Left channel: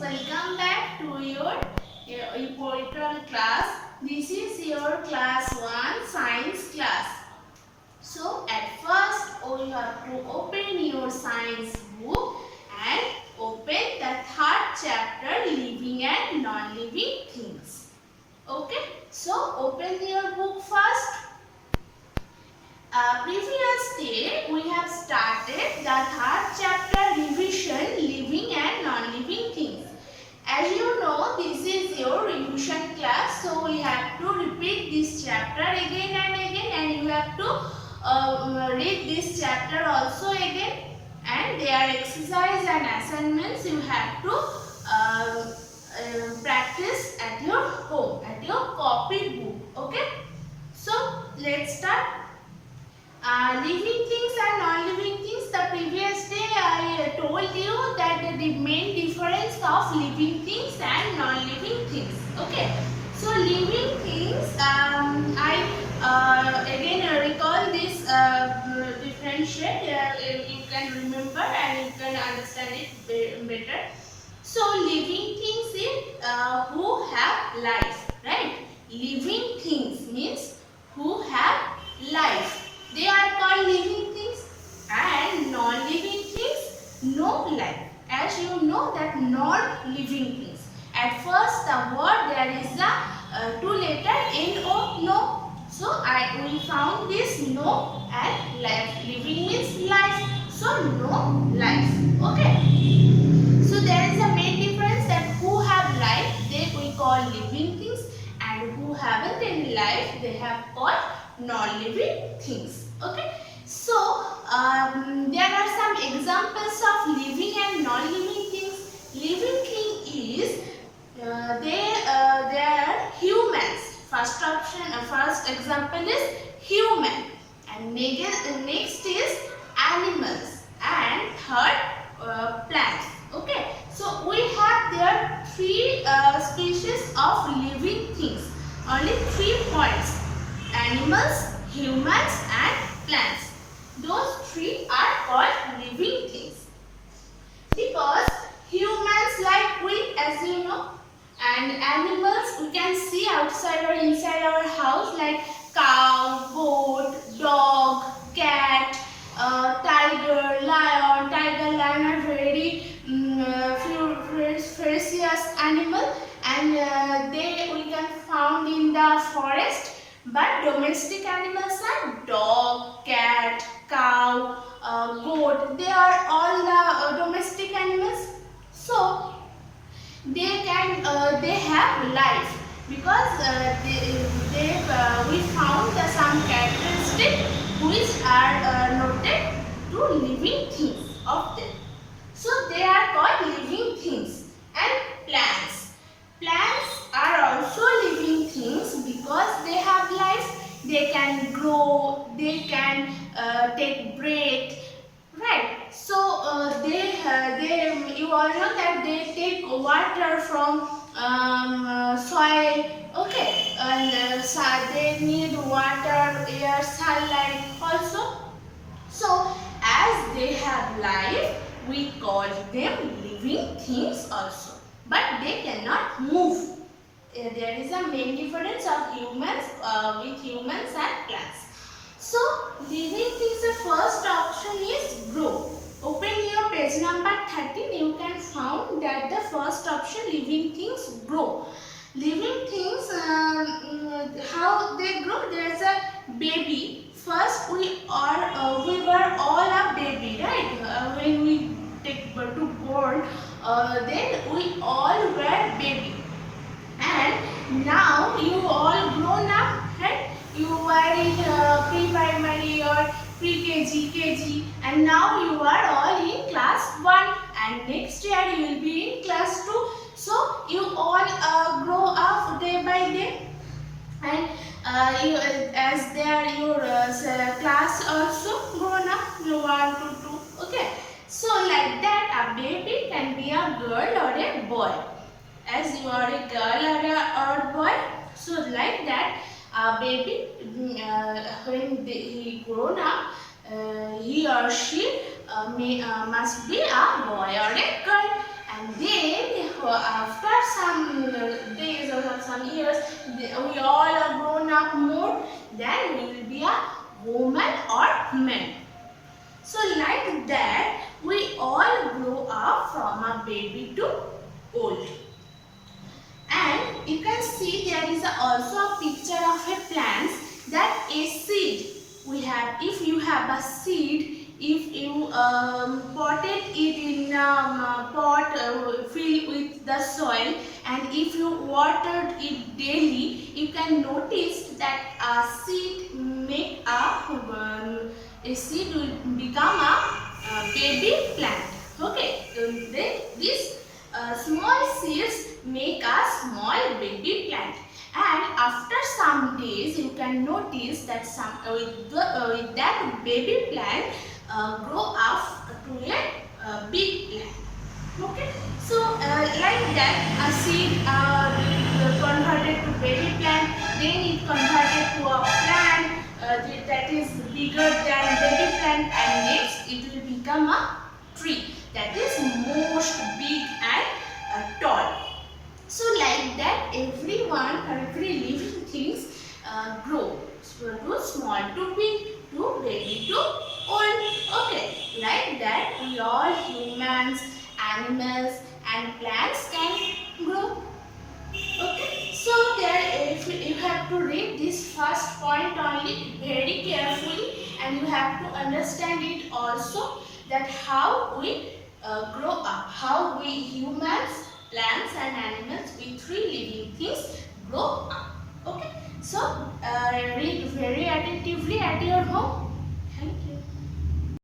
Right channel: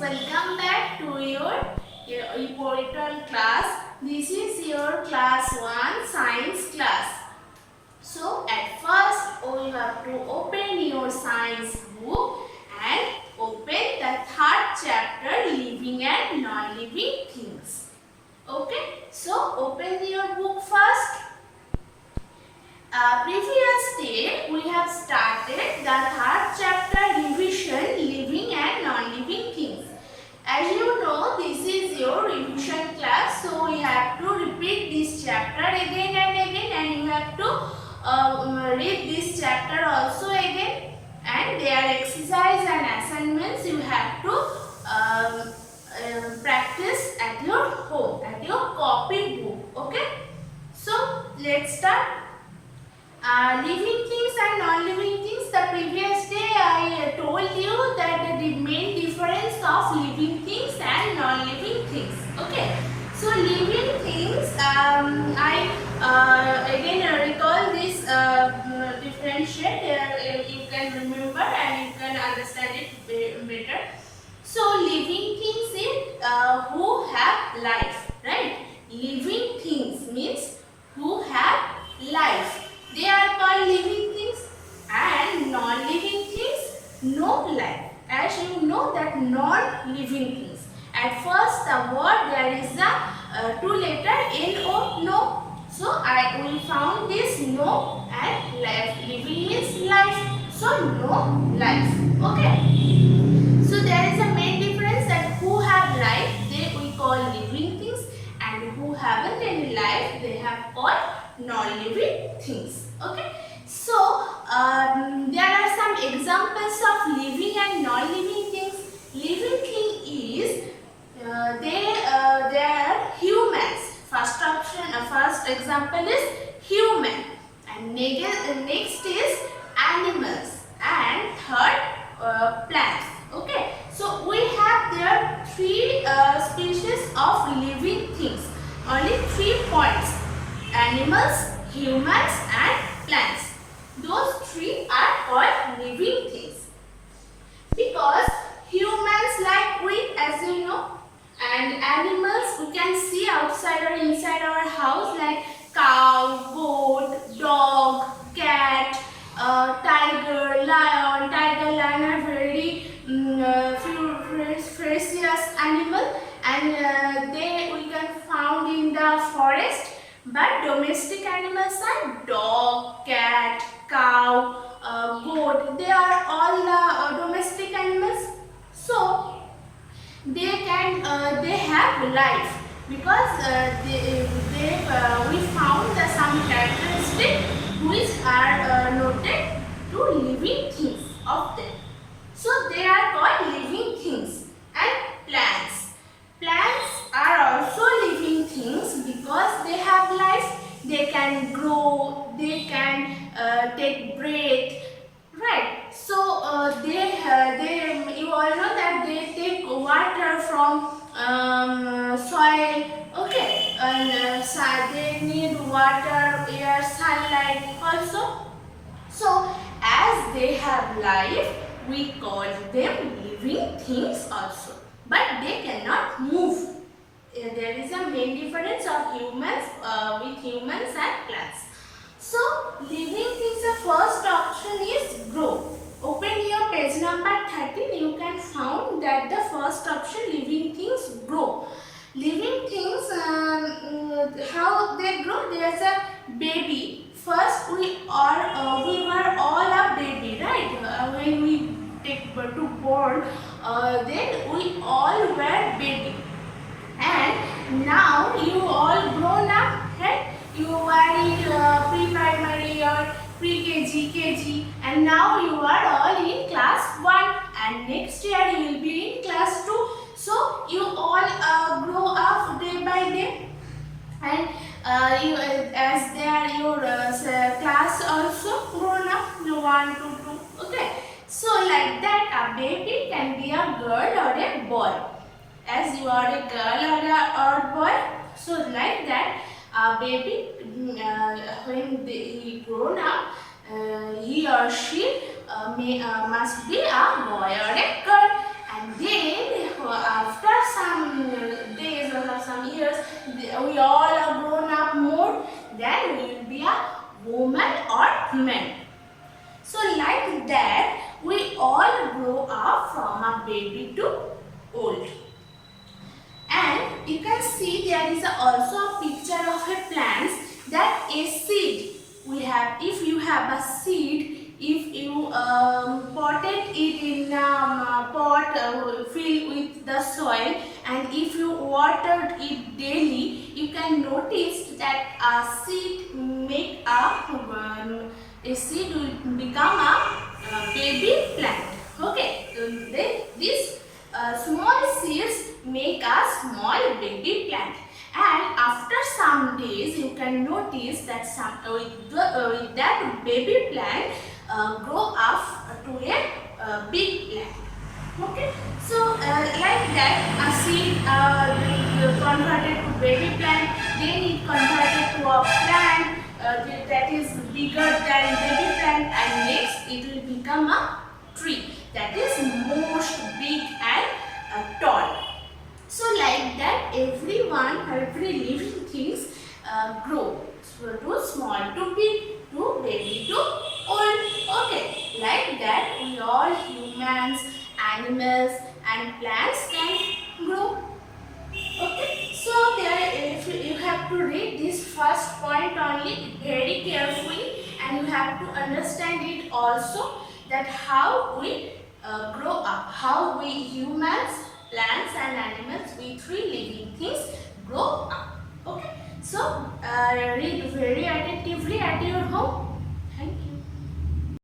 welcome back to your important class. This is your class 1 science class. So at first you have to open your science book and open the third chapter, living and non-living things. Okay, so open your book first. Previous day we have started the third chapter, revision, living and non-living things. As you know, this is your revision class, so we have to repeat this chapter again and again, and you have to read this chapter also again, and their exercise and assignments you have to practice at your home, at your copy book. Okay, so let's start. Living things and non-living things. The previous day I told you that the main difference of living things and non-living things. Okay, so living things, I again recall this differentiate. You can remember and you can understand it better. So living things is who have life, right? Living things means who have life. They are called living things, and non-living things no life. As you know that non-living things. At first the word there is a two letter N-O, no. So we found this no and life. Living means life. So no life. Okay. So there is a main difference that who have life they we call living things, and who haven't any life they have called non-living things. Okay, so there are some examples of living and non-living things. Living thing is they are humans. First option, first example is human, and next is animals, and third plants. Okay, so we have there three species of living things. Only 3 points: animals, humans and plants. Those 3 are called living things. Because humans like we, as you know, and animals we can see outside or inside our house like cow, goat, dog, cat, tiger, lion. Tiger, lion are very ferocious animal, and we can found in the forest. But domestic animals are dog, cat, cow, goat. They are all domestic animals. So they have life because we found some characteristics which are noted to living things of them. So they are called living things. And plants. Plants are also living things because they have life. They can grow, they can take breath, right? So you all know that they take water from soil, okay, and they need water, air, sunlight also. So as they have life, we call them living things also. But they cannot move. There is a main difference of humans with humans and plants. So living things, the first option is grow. Open your page number 13. You can find that the first option, living things grow. Living things, how they grow? There is a baby. First we were all a baby, right? When we take to born, then we all were baby, and now you all grown up, right? You are in pre-primary or pre-KG, KG, and now you are all in class 1, and next year you will be in class 2. So you all grow up day by day, and as they are your class also grown up, 1 to 2. Okay, so like that a baby can be a girl or a boy. As you are a girl or a boy, so like that a baby when he grown up, he or she must be a boy or a girl, and then baby to old. And you can see there is also a picture of a plant that a seed. If you have a seed, if you potted it in a pot filled with the soil, and if you watered it daily, you can notice that a seed seed will become a baby plant. Okay, so this small seeds make a small baby plant, and after some days you can notice that with that baby plant grow up to a big plant. Okay, so like that a seed converted to baby plant, then it converted to a plant that is bigger than baby plant, and next it will become a tree that is most big and tall. So like that every living things grow. So to small to big, to baby to old. Okay, like that we all humans, animals and plants can grow. Okay, so there if you have to read this first point only very carefully, and you have to understand it also, that how we grow up, how we humans, plants and animals, we three living things grow up. Okay, so read very attentively at your home.